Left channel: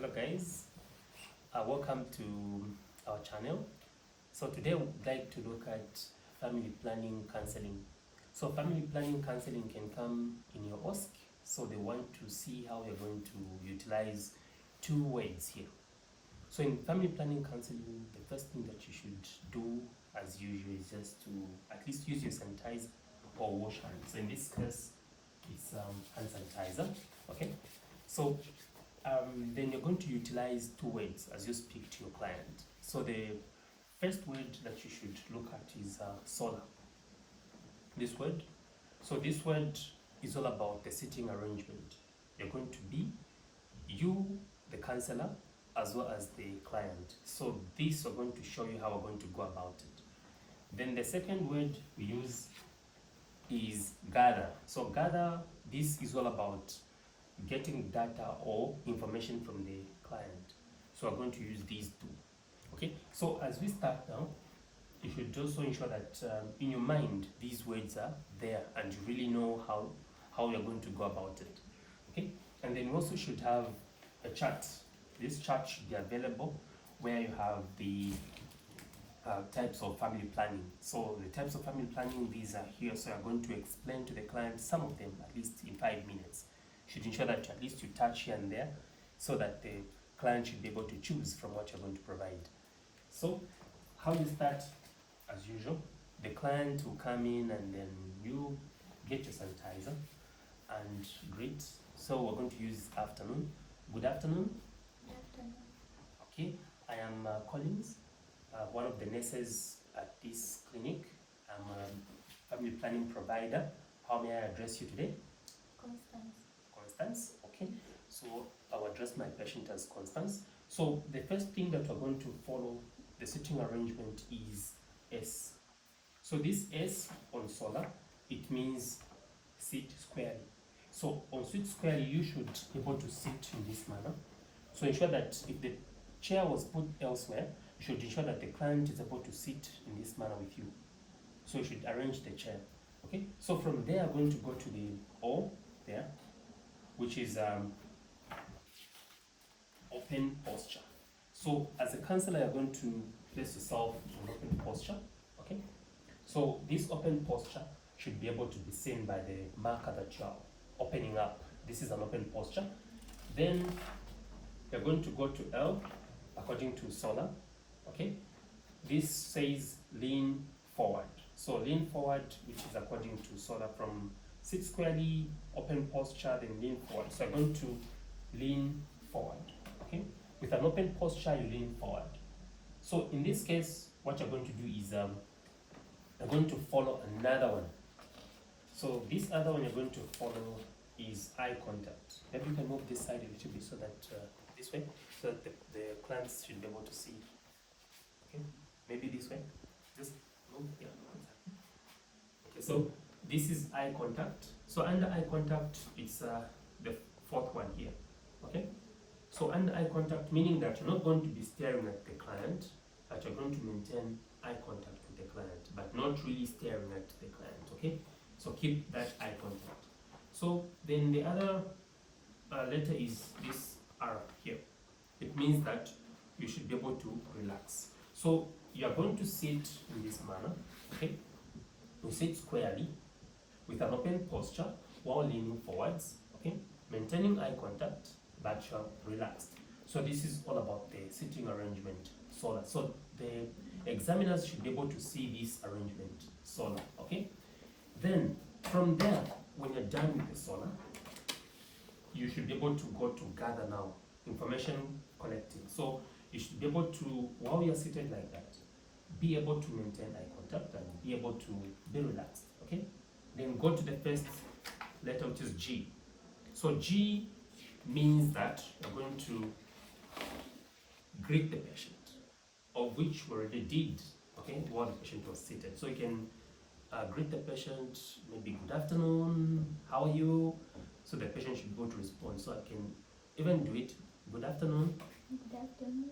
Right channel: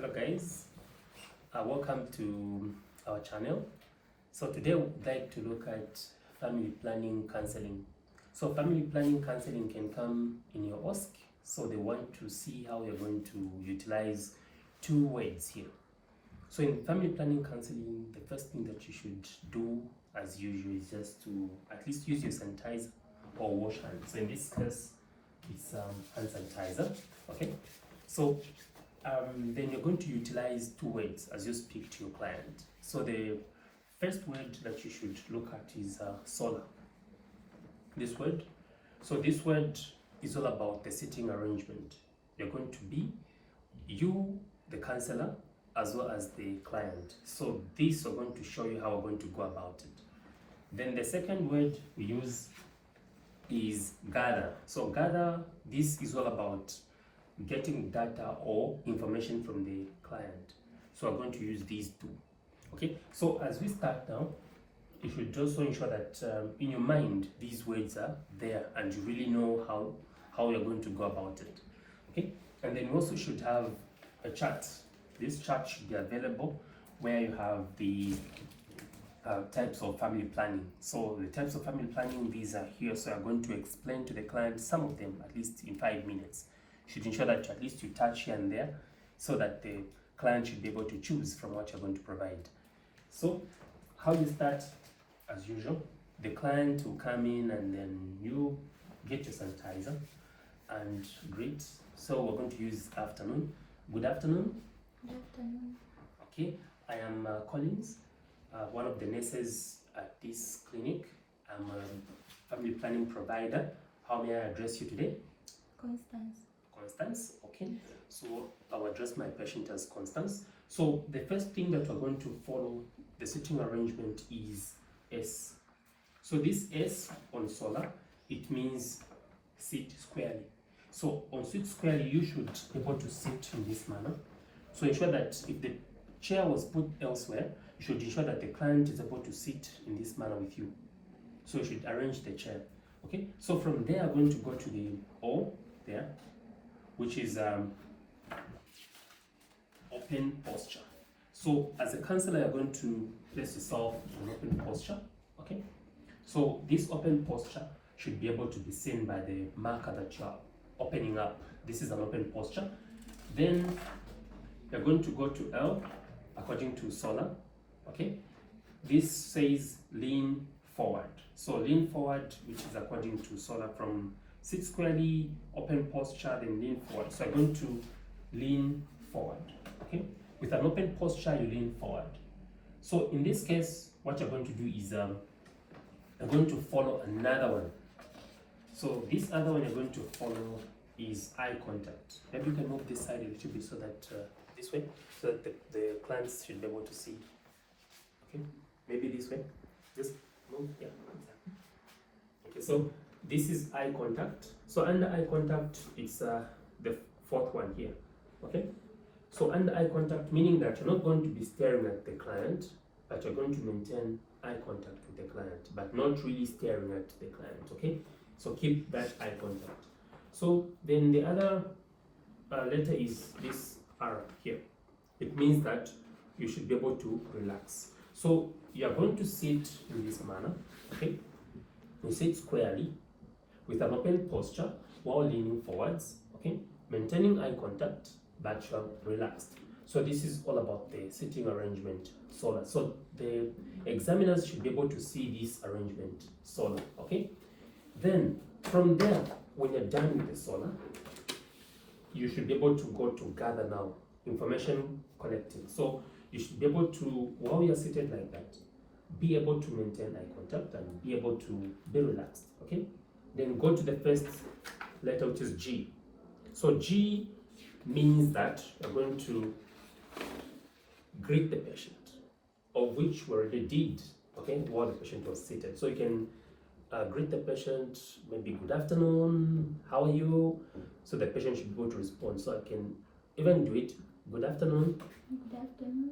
Hello guys, welcome to our channel. So today we'd like to look at family planning counseling. So family planning counseling can come in your OSC. So they want to see how you're going to utilize two words here. So in family planning counseling, the first thing that you should do as usual is just to at least use your sanitizer or wash hands. So in this case, it's hand sanitizer, okay? So then you're going to utilize two words as you speak to your client. So the first word that you should look at is solar. This word. So this word is all about the seating arrangement. You're going to be you, the counselor, as well as the client. So this are going to show you how we're going to go about it. Then the second word we use is gather. So gather, this is all about getting data or information from the client. So I'm going to use these two. Okay, so as we start now, you should also ensure that in your mind these words are there and you really know how you're going to go about it. Okay, and then you also should have a chart. This chart should be available where you have the types of family planning. So the types of family planning, these are here. So I'm going to explain to the client some of them at least in 5 minutes. You should ensure that at least you touch here and there so that the client should be able to choose from what you're going to provide. So how you start, as usual, the client will come in and then you get your sanitizer and greet. So we're going to use afternoon. Good afternoon. Good afternoon. Okay, I am Collins, one of the nurses at this clinic. I'm a family planning provider. How may I address you today? Constance. Constance, okay. So I'll address my patient as Constance. So the first thing that we're going to follow, the sitting arrangement, is S. So this S on solar, it means sit squarely. So on sit squarely, you should be able to sit in this manner. So ensure that if the chair was put elsewhere, you should ensure that the client is able to sit in this manner with you. So you should arrange the chair. Okay, so from there, I'm going to go to the O there, which is open posture. So as a counselor, you're going to place yourself in open posture. Okay, so this open posture should be able to be seen by the marker that you are opening up. This is an open posture. Then you're going to go to L according to solar. Okay, this says lean forward. So lean forward, which is according to solar, from sit squarely, open posture, then lean forward. So I'm going to lean forward. Okay, with an open posture, you lean forward. So in this case, what you're going to do is you're going to follow another one. So this other one you're going to follow is eye contact. Maybe you can move this side a little bit so that this way, so that the clients should be able to see. Okay, maybe this way. Just move. Yeah. Okay, so this is eye contact. So under eye contact, it's the fourth one here. Okay. So under eye contact, meaning that you're not going to be staring at the client, but you're going to maintain eye contact with the client, but not really staring at the client. Okay. So keep that eye contact. So then the other letter is this R here. It means that you should be able to relax. So you are going to sit in this manner, okay? You sit squarely with an open posture while leaning forwards, okay? Maintaining eye contact, but you are relaxed. So this is all about the sitting arrangement, solar. So the examiners should be able to see this arrangement, solar, okay? Then from there, when you're done with the solar, you should be able to go to gather now, information collecting. So you should be able to, while you're seated like that, be able to maintain eye contact and be able to be relaxed, okay? Then go to the first letter, which is G. So G means that you're going to greet the patient, of which we already did, okay, while the patient was seated. So you can greet the patient, maybe good afternoon, how are you? So the patient should be able to respond. So I can even do it, good afternoon. Good afternoon.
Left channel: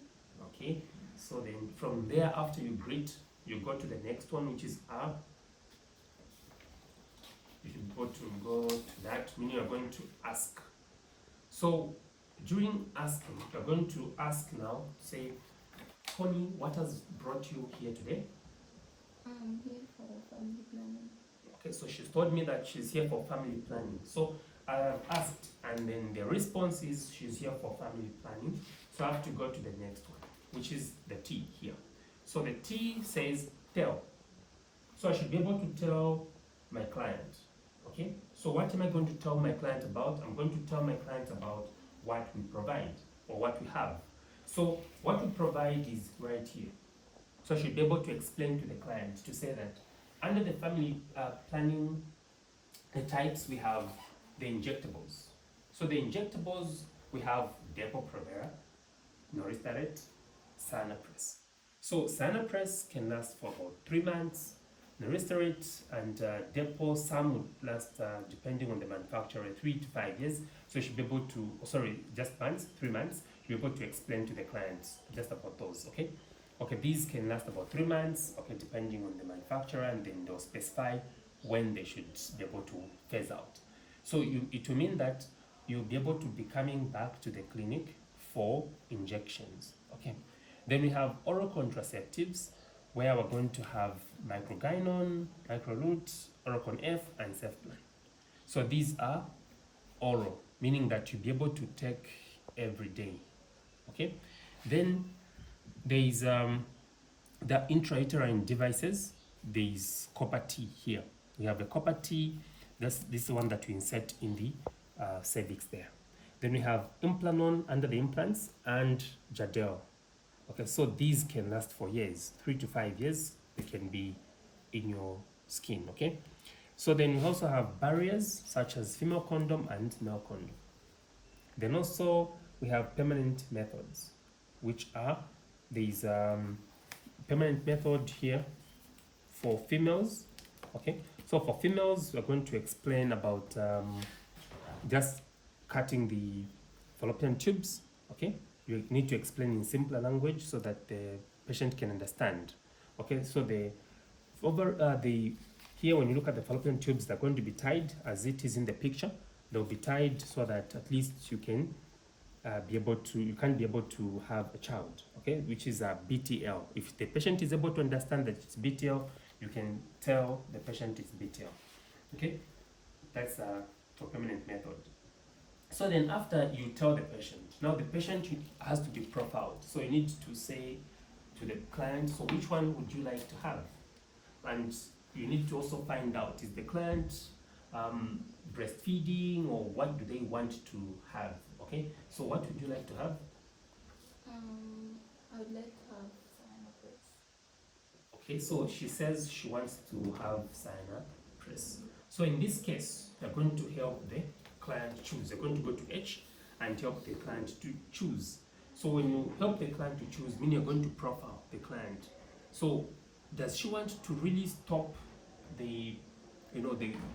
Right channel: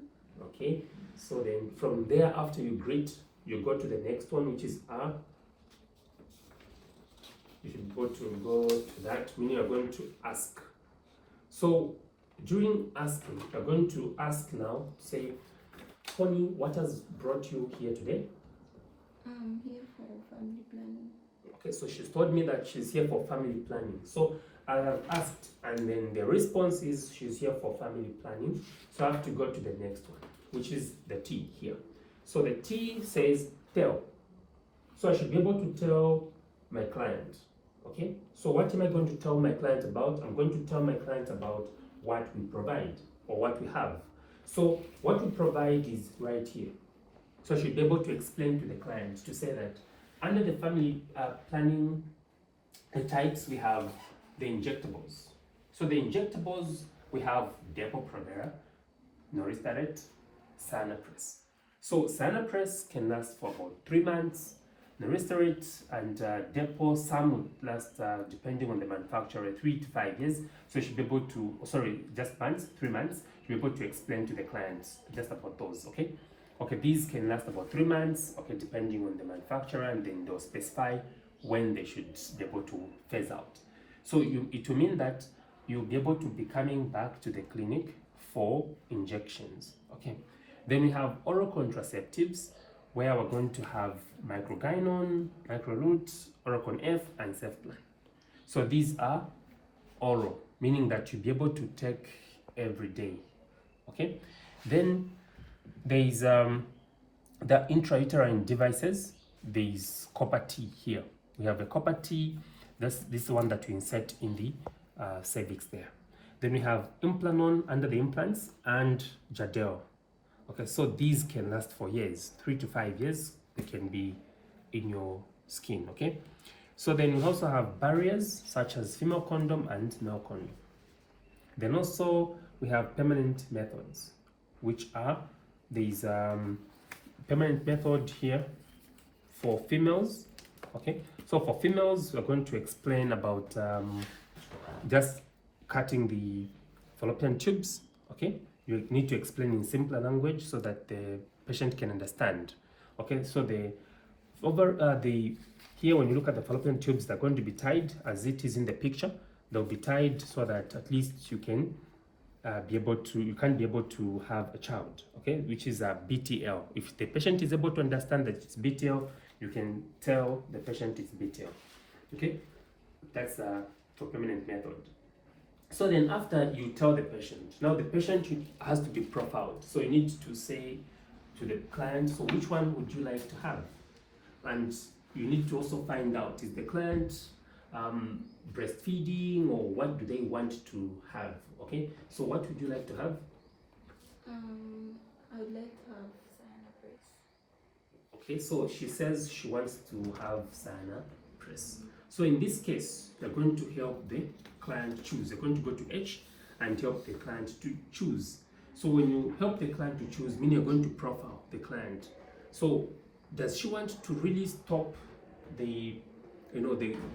Okay, so then from there, after you greet, you go to the next one, which is R. You should go to that, meaning you're going to ask. So during asking, you're going to ask now, say, Connie, what has brought you here today? I'm here for family planning. Okay, so she's told me that she's here for family planning. So I have asked, and then the response is she's here for family planning. So I have to go to the next one, which is the T here. So the T says tell. So I should be able to tell my client. Okay, so what am I going to tell my client about? I'm going to tell my client about what we provide or what we have. So what we provide is right here. So I should be able to explain to the client to say that under the family planning types, we have the injectables. So the injectables, we have Depo-Provera, Noristat, Sanapres. So Sanapres can last for about 3 months. Noristat and Depo, some would last, depending on the manufacturer, 3 to 5 years. So you should be able to, just months, 3 months, you'll be able to explain to the clients just about those, okay? Okay, these can last about 3 months, okay, depending on the manufacturer, and then they'll specify when they should be able to phase out. So it will mean that you'll be able to be coming back to the clinic for injections, okay? Then we have oral contraceptives, where we're going to have Microgynon, Microlute, Oracon F, and Cefplan. So these are oral, meaning that you'll be able to take every day, okay? Then there is the intrauterine devices. There is Copper T here. We have the Copper T, this one that we insert in the cervix there. Then we have Implanon under the implants and Jadel. Okay, so these can last for years, 3 to 5 years. They can be in your skin, okay? So then we also have barriers such as female condom and male condom. Then also we have permanent methods, which are these permanent method here for females, okay? So for females, we're going to explain about just cutting the fallopian tubes, okay? You need to explain in simpler language so that the patient can understand. Okay, so here when you look at the fallopian tubes, they're going to be tied as it is in the picture. They'll be tied so that at least you can you can be able to have a child, okay, which is a BTL. If the patient is able to understand that it's BTL, you can tell the patient it's BTL, okay? That's for permanent method. So then after you tell the patient, now the patient has to be profiled. So you need to say to the client, so which one would you like to have? And you need to also find out, is the client breastfeeding, or what do they want to have, okay? So what would you like to have? I would like to have Sanapres. Okay, so she says she wants to have Sanapres. So in this case, you're going to help the client choose. You're going to go to H and help the client to choose. So when you help the client to choose, meaning you're going to profile the client. So does she want to really stop the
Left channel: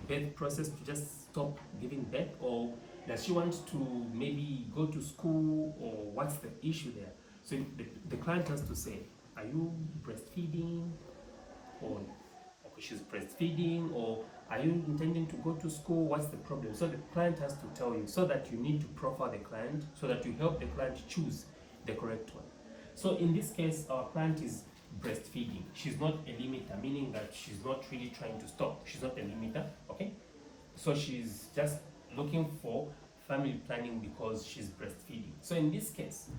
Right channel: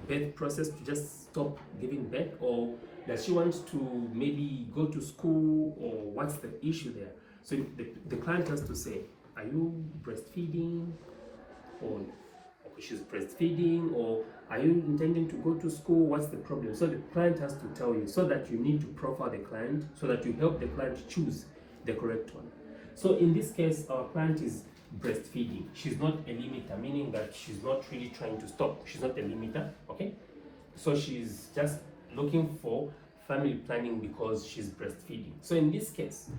birth process, to just stop giving birth, or does she want to maybe go to school, or what's the issue there? So the client has to say, are you breastfeeding, or she's breastfeeding, or are you intending to go to school? What's the problem? So the client has to tell you, so that you need to profile the client, so that you help the client choose the correct one. So in this case, our client is breastfeeding. She's not a limiter, meaning that she's not really trying to stop. She's not a limiter, okay? So she's just looking for family planning because she's breastfeeding. So in this case,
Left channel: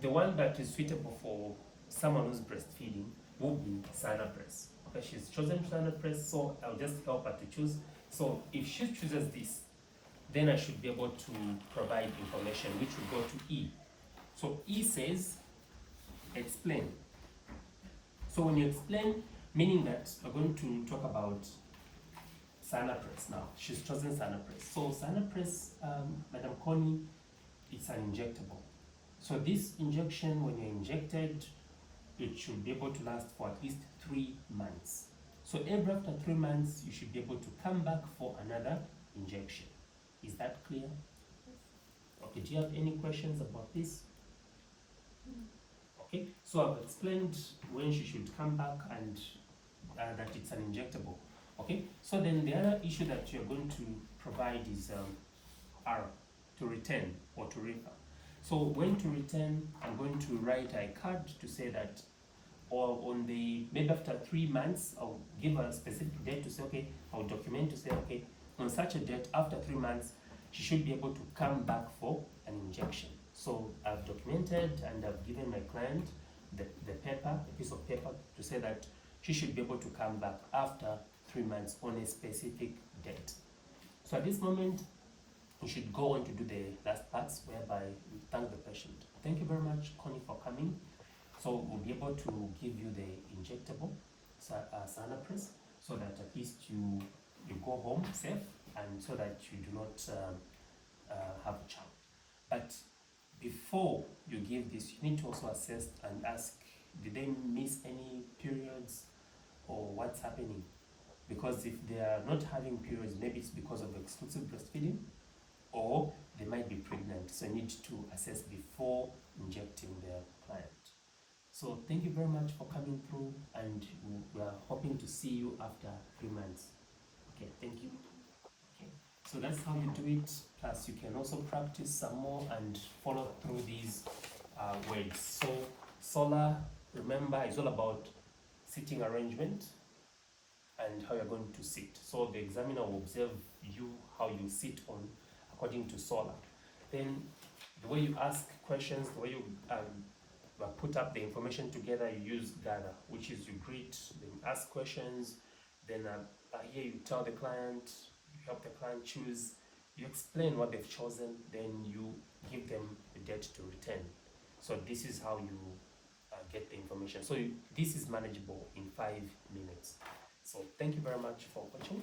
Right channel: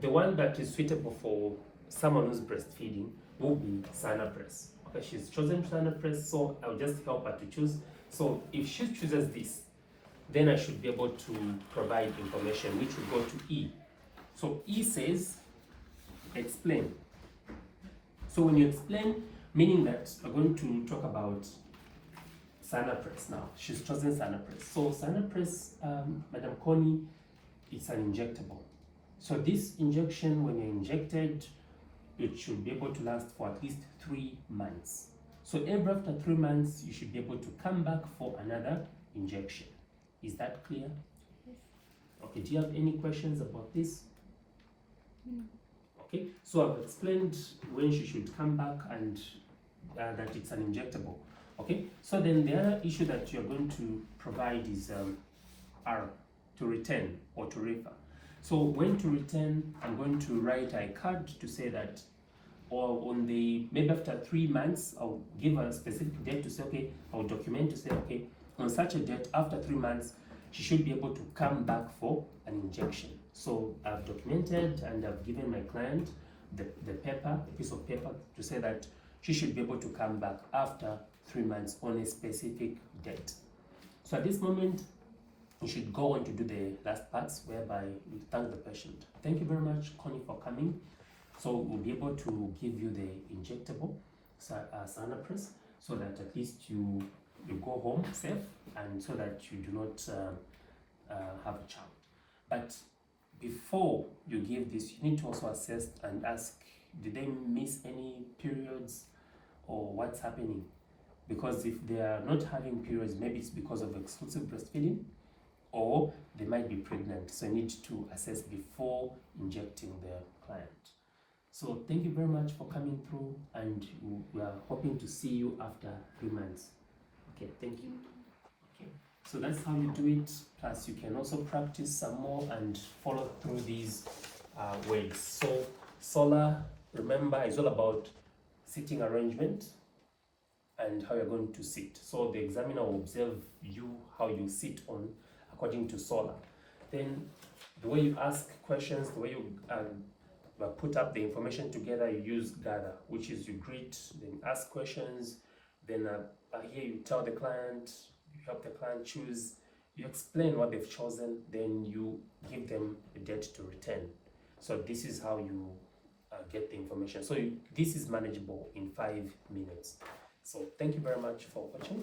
the one that is suitable for someone who's breastfeeding will be Sanapres. Okay, she's chosen Sanapres, so I'll just help her to choose. So if she chooses this, then I should be able to provide information, which will go to E. So E says, explain. So when you explain, meaning that we're going to talk about Sanapres now. She's chosen Sanapres. So Sanapres, Madam Connie, it's an injectable. So this injection, when you're injected, it should be able to last for at least 3 months. So every after 3 months, you should be able to come back for another injection. Is that clear? Yes. Okay, do you have any questions about this? No. Okay, so I've explained when she should come back and that it's an injectable. Okay, so then the other issue that you're going to provide is R, to return or to refer. So when to return, I'm going to write a card to say that, or on the, maybe after 3 months, I'll give a specific date to say, okay, I'll document to say, okay, on such a date, after 3 months, she should be able to come back for an injection. So I've documented and I've given my client the paper, a piece of paper to say that she should be able to come back after 3 months on a specific date. So at this moment, you should go on to do the last parts whereby we thank the patient. Thank you very much, Connie, for coming. So we'll be able to give you the injectable Sanapres so that at least you go home safe and so that you do not have a child. But before you give this, you need to also assess and ask, did they miss any periods or what's happening? Because if they are not having periods, maybe it's because of exclusive breastfeeding, or they might be pregnant. So you need to assess before injecting the client. So thank you very much for coming through, and we are hoping to see you after 3 months. Okay, thank you. Okay, so that's how you do it. Plus you can also practice some more and follow through these ways. So solar, remember, is all about sitting arrangement and how you're going to sit. So the examiner will observe you, how you sit on according to solar. Then the way you ask questions, the way you put up the information together, you use gather, which is you greet, then ask questions, then here you tell the client, you help the client choose, you explain what they've chosen, then you give them a date to return. So this is how you get the information. So this is manageable in 5 minutes. So thank you very much for watching.